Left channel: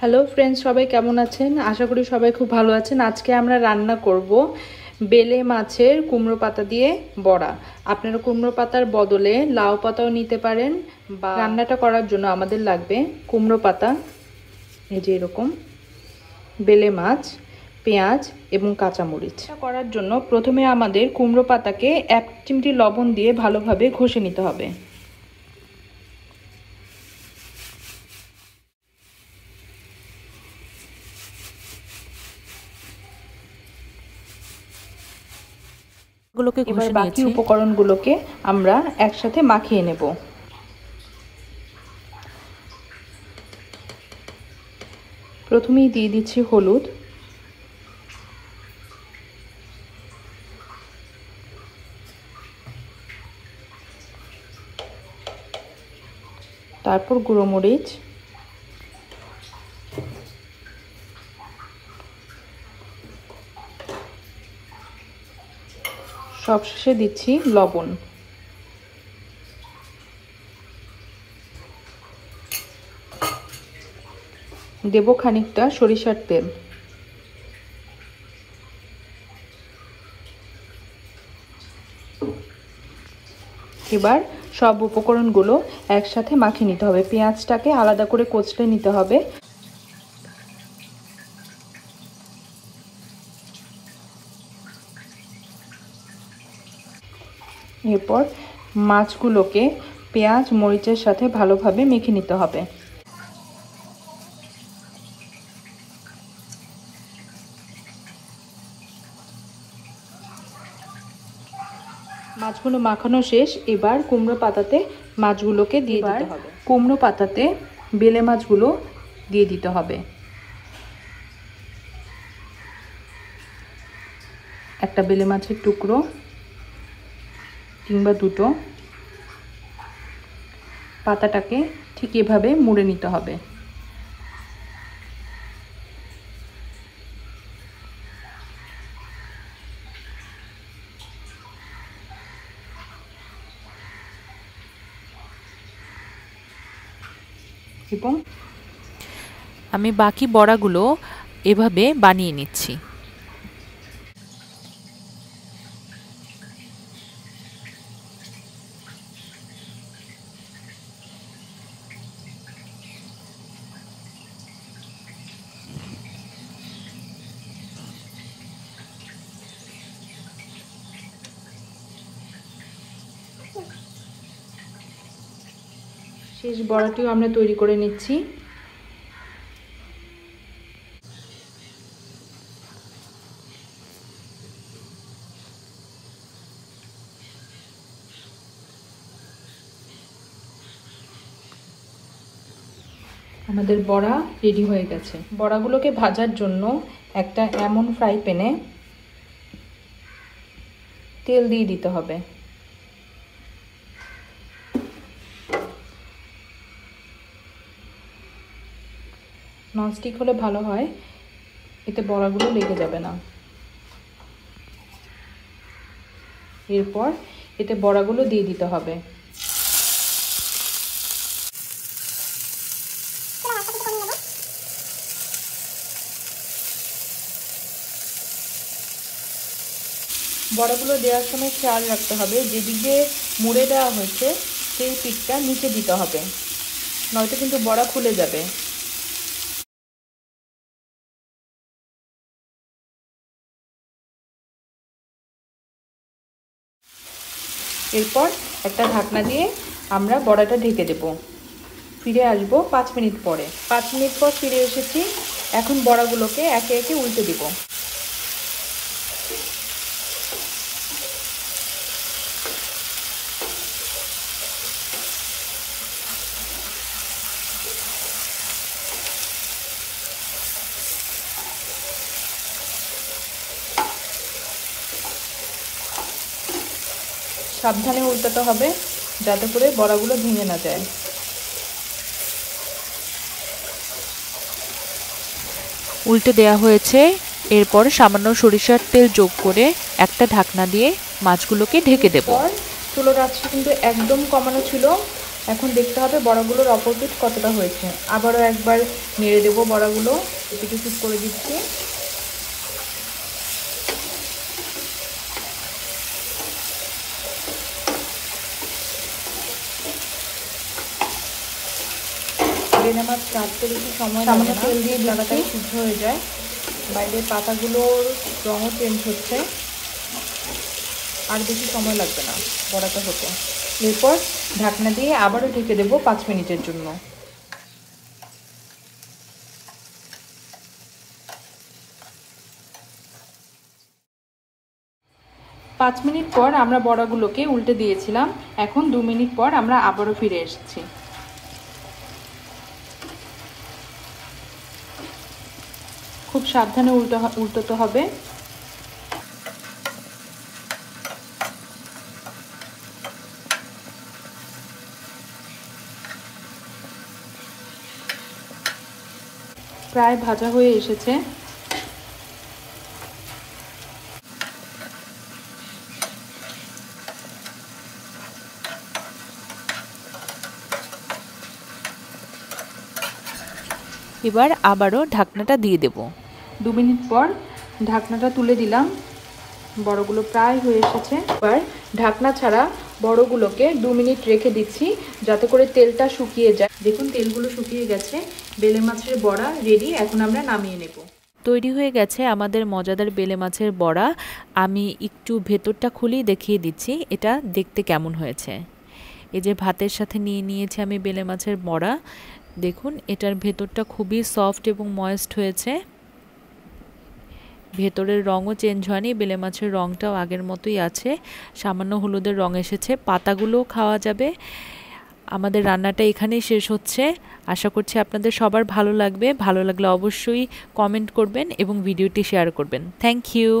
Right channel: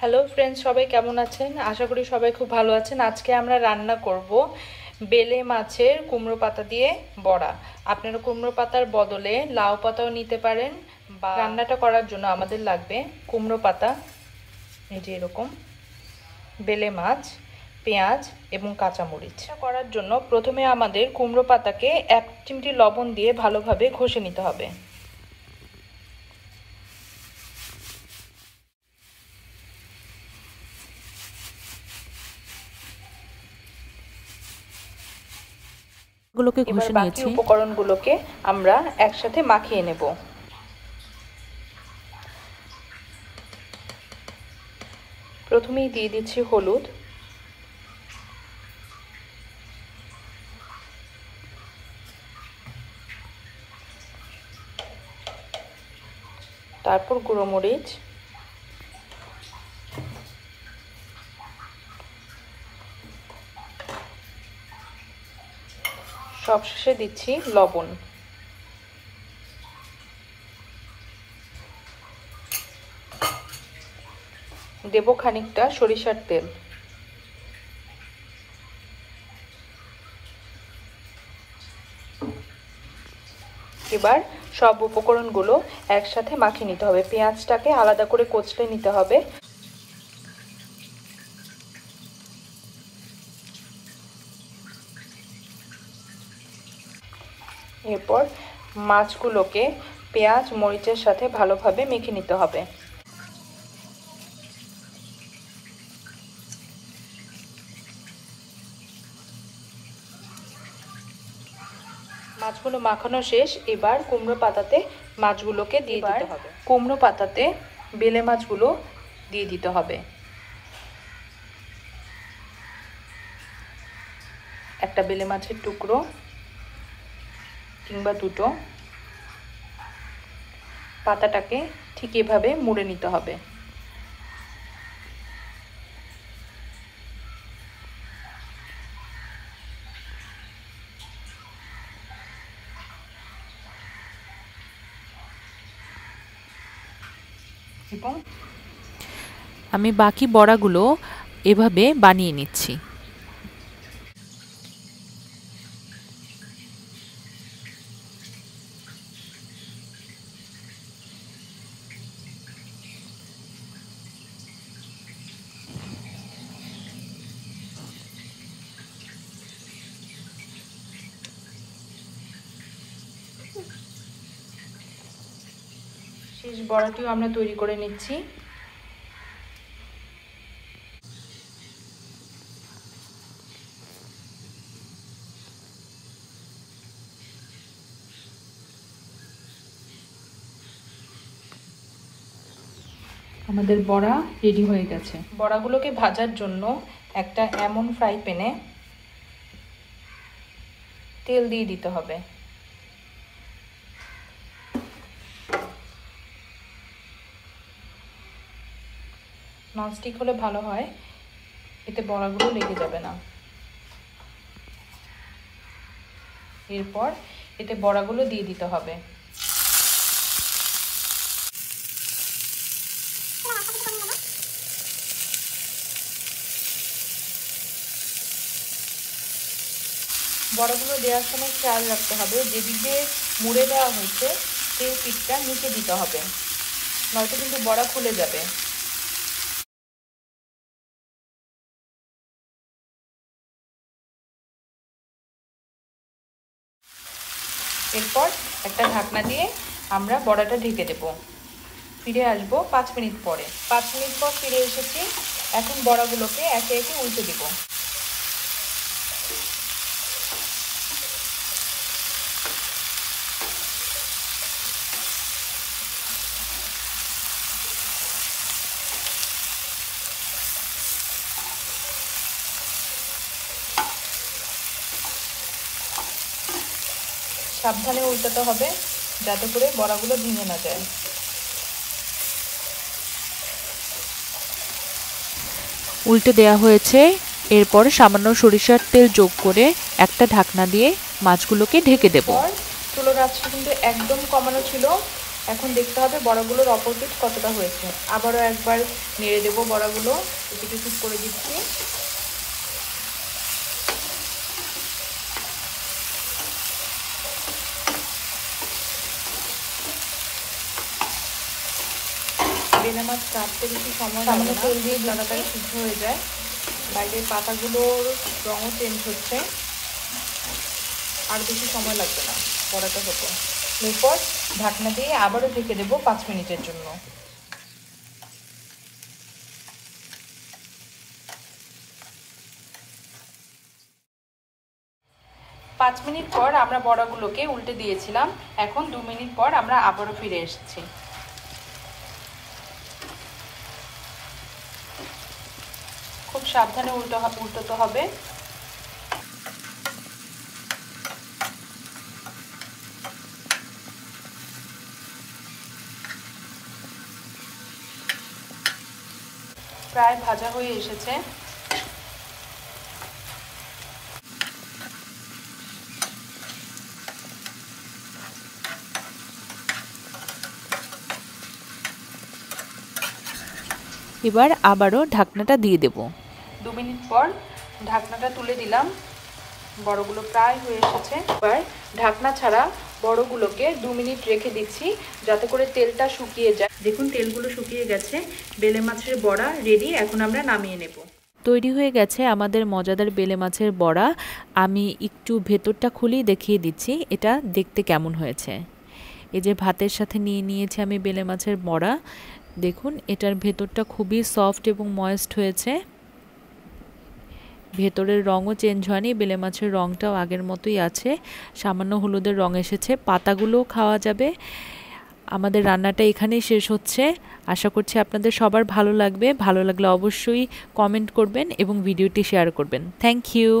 Hello friends, সবাই কেমন আছেন? আশা করি সবাই খুব ভালো আছেন। আজকে আমরা রান্না করব বেলে মাছের কুমড়ো পাতা দিয়ে বড়া। আপনারা কুমড়ো পাতার বদলে লাউ পাতাও নিতে পারেন। বা রান্নাটা করার জন্য আমাদের লাগবে কুমড়ো পাতা, এই যে এরকম, বেলে মাছ, পেঁয়াজ এবং কাঁচামরিচ। করার জন্য প্রথমে আমাদের কুমড়ো পাতাকে 1 চিমটি লবণ দিয়ে ভালোভাবে ঘষে নিতে হবে। গুলোকে ঘষে নিয়েছি। উপকরণগুলোকে আমরা একসাথে মাখিয়ে নেব। প্রথমেই দিয়ে দিচ্ছি হলুদ, তারপর গুঁড়ো মরিচ, সবশেষে দিচ্ছি লবণ। দেব খানিকটা সরিষার তেল। এবার সব উপকরণগুলো একসাথে মাখিয়ে নিতে হবে। পেঁয়াজটাকে আলাদা করে কচলে নিতে হবে। এরপর মাছগুলোকে পেঁয়াজ মরিচের সাথে ভালোভাবে মেখে নিতে হবে। মাছগুলো মাখানো শেষ। এবার কুমড়ো পাতাতে মাছগুলোকে দিয়ে দিতে হবে। কুমড়ো পাতাতে বেলে মাছগুলো দিয়ে দিতে হবে। একটা বেলে মাছের টুকরো কিংবা দুটো। পাতাটাকে ঠিক এভাবে মুড়ে নিতে হবে। এবং আমি বাকি বড়াগুলো এভাবে বানিয়ে নিচ্ছি। শেষ বড়াটিও আমরা তৈরি করে নিচ্ছি। আমাদের বড়া রেডি হয়ে গেছে। বড়াগুলোকে ভাজার জন্য একটা এমন ফ্রাই প্যানে তেল দিয়ে দিতে হবে। ননস্টিক হলে ভালো হয়, এতে বড়াগুলো লেগে যাবে না। এরপর এতে বড়াগুলো দিয়ে দিতে হবে। বড়াগুলো দেওয়ার সময় খেয়াল রাখতে হবে, যেদিকে মুড়ে দেওয়া হচ্ছে সেই পিঠটা নিচে দিতে হবে, নয়তো কিন্তু বড়া ফুলে যাবে। এরপর একটা ঢাকনা দিয়ে আমরা বড়াটা ঢেকে দেব। ফিরে আসবো 5 মিনিট পরে। 5 মিনিট পর ফিরে এসেছি। এখন বড়াগুলোকে একে একে উল্টে দিব। সাবধানে উল্টাতে হবে যাতে করে বড়াগুলো ভেঙে না যায়। উল্টে দেয়া হয়েছে। এরপর সামান্য সরিষার তেল যোগ করে একটা ঢাকনা দিয়ে মাছগুলোকে ঢেকে দেব। চুলোর আঁচটা কিন্তু একদম কমানো ছিল। এখন দেখতে হবে বড়াগুলোর অপোজিট কতটা হয়েছে। আবারও একবার নেড়ে দেবো বড়াগুলো, একটু ঠিক করে দিচ্ছি। সামনে ফুল দিয়ে বড়াটা সিদ্ধ হয়ে যায়, বাইরের পাতাগুলো রঙও চেঞ্জ হচ্ছে, আর বেশি সময় লাগবে না বড়াটা হতে। এরপর ঢাকনা দিয়ে আবারও ঢেকে দেবো 5 মিনিটের জন্য। 5 মিনিট পর আমরা বড়াগুলোকে উল্টে দিয়েছিলাম। এখন 2 মিনিট পর আমরা আবারও ফিরে এসেছি। খুব সাবধানে উল্টোতে হবে। প্রায় ভাজা হয়ে এসেছে। এবার আবারও ঢাকনাটা দিয়ে দেব। 2 মিনিট পর ঢাকনাটা তুলে দিলাম, বড়গুলো প্রায় হয়ে এসেছে। এবার ঢাকনা ছাড়া বড়গুলোকে 2 মিনিট রেখে দিচ্ছি যাতে করে তেলটা শুকিয়ে যায়। দেখুন তেলগুলো শুকিয়ে গেছে, বেলে মাছের বড়া রেডি। এখন আমরা নামিয়ে নেব। তৈরি হয়ে গেছে আমাদের মজাদার বেলে মাছের বড়া। আমি একটু ভেতরটা খুলেই দেখিয়ে দিচ্ছি এটা দেখতে কেমন হয়েছে। এই যে ভাতের সাথে নিয়ে নিয়েছি আমি বেলে মাছের বড়া। দেখুন এটার ভেতরটা খুবই সফট এবং ময়েস্ট হয়েছে, ভেতরের রঙও চেঞ্জ হয়নি, বেলে মাছের রঙটাও আগের মতোই আছে, সামান্য হলুদের রঙ এসেছে। পাতাগুলোও খাওয়া যাবে। আমাদের রান্নাটা এখানেই শেষ হচ্ছে। আশা করছি আপনাদের সবার ভালো লাগবে। ভালো লাগলে অবশ্যই কমেন্ট করবেন এবং ভিডিওটি শেয়ার করবেন। Thank you.